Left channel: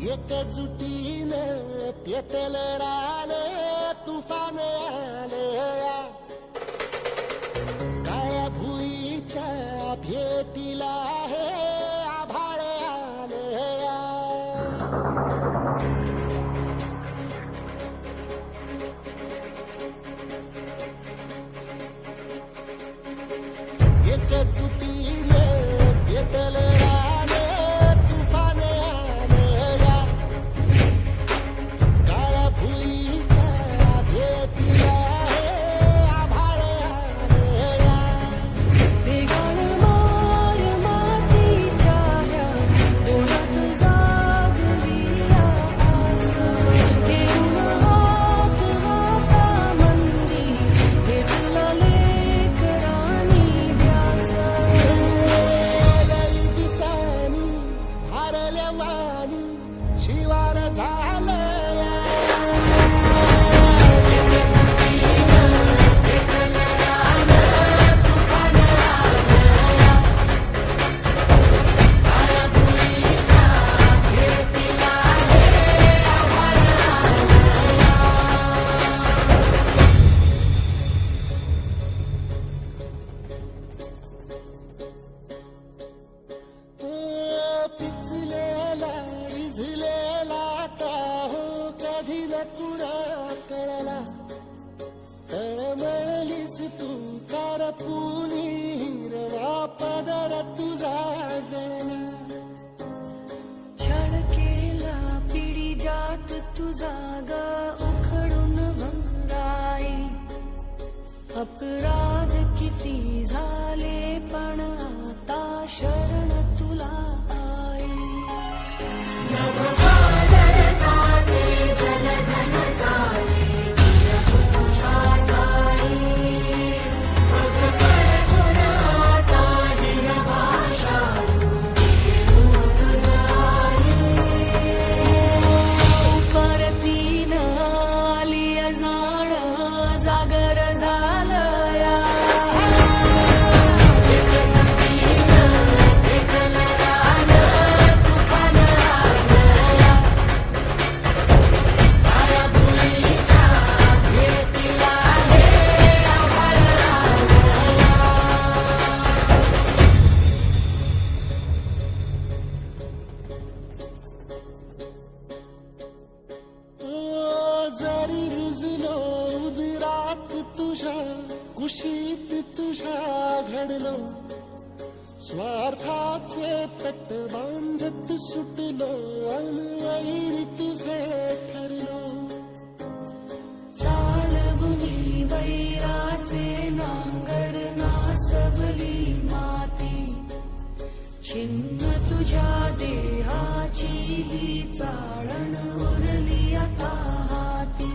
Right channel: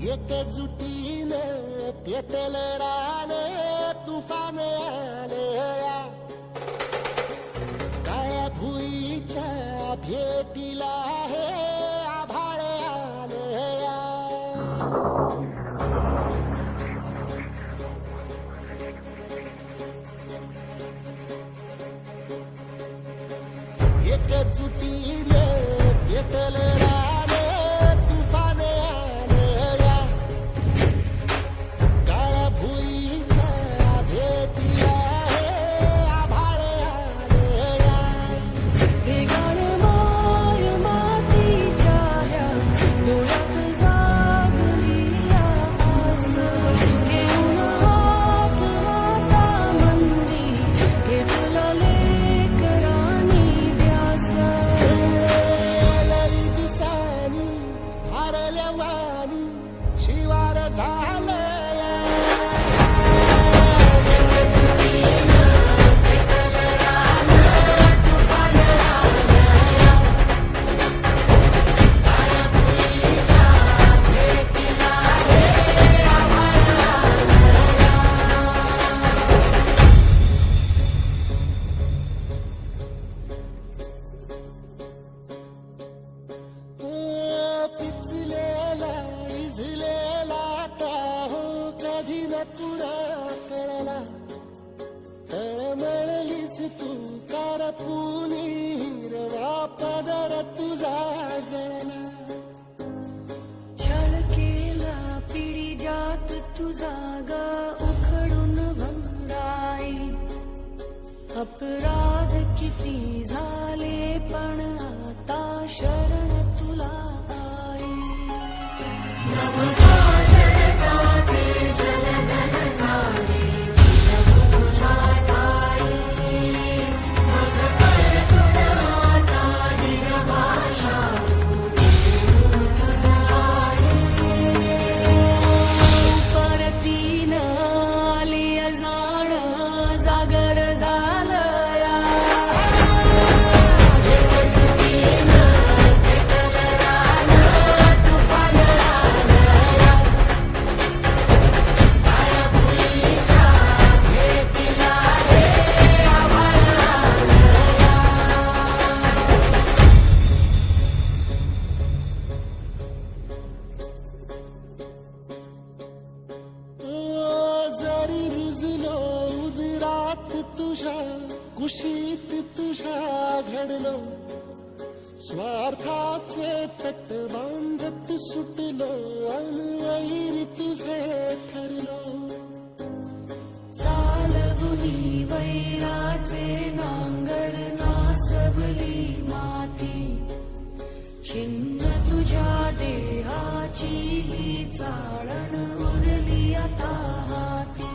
एकजुटीने पेटल रान तुफान आले या काळ्या भुईच्या भेटीला हे आभाळ आले या एकजुटीने पेटल रान तुफान आले या काळ्या भुईच्या भेटीला हे आभाळ आले या ढेगाळ माय मातीच्या ह्या डोळ्यात जागली या आस घेऊन हात हातामंदी घेतला लेकरांनी ध्यास लई दिसानी भारल्या वाणी शिवार झालं या पिचलेला इझलेला टाहो कधी न कुणा कळला तळमळलीस तू कारपुनी हिरवा पदर तुझा जळला छळ केला पिढी जात तुझा ग उखडून भंगाई अपराध किती झाले पण आता शरण तुला आई परतीन आली जाण जागर झालं या जरी रुजलो उदरात तुझ्या कुशीत तुझ्या घडलो स्वार्थाचे तट बांधत सुटलो अनवैरी तुझे ठरलो चालवुनी वैराचे नांगर नासवली माती छिन्न तुझ्या देहाची ही चाळण उरली आता हाती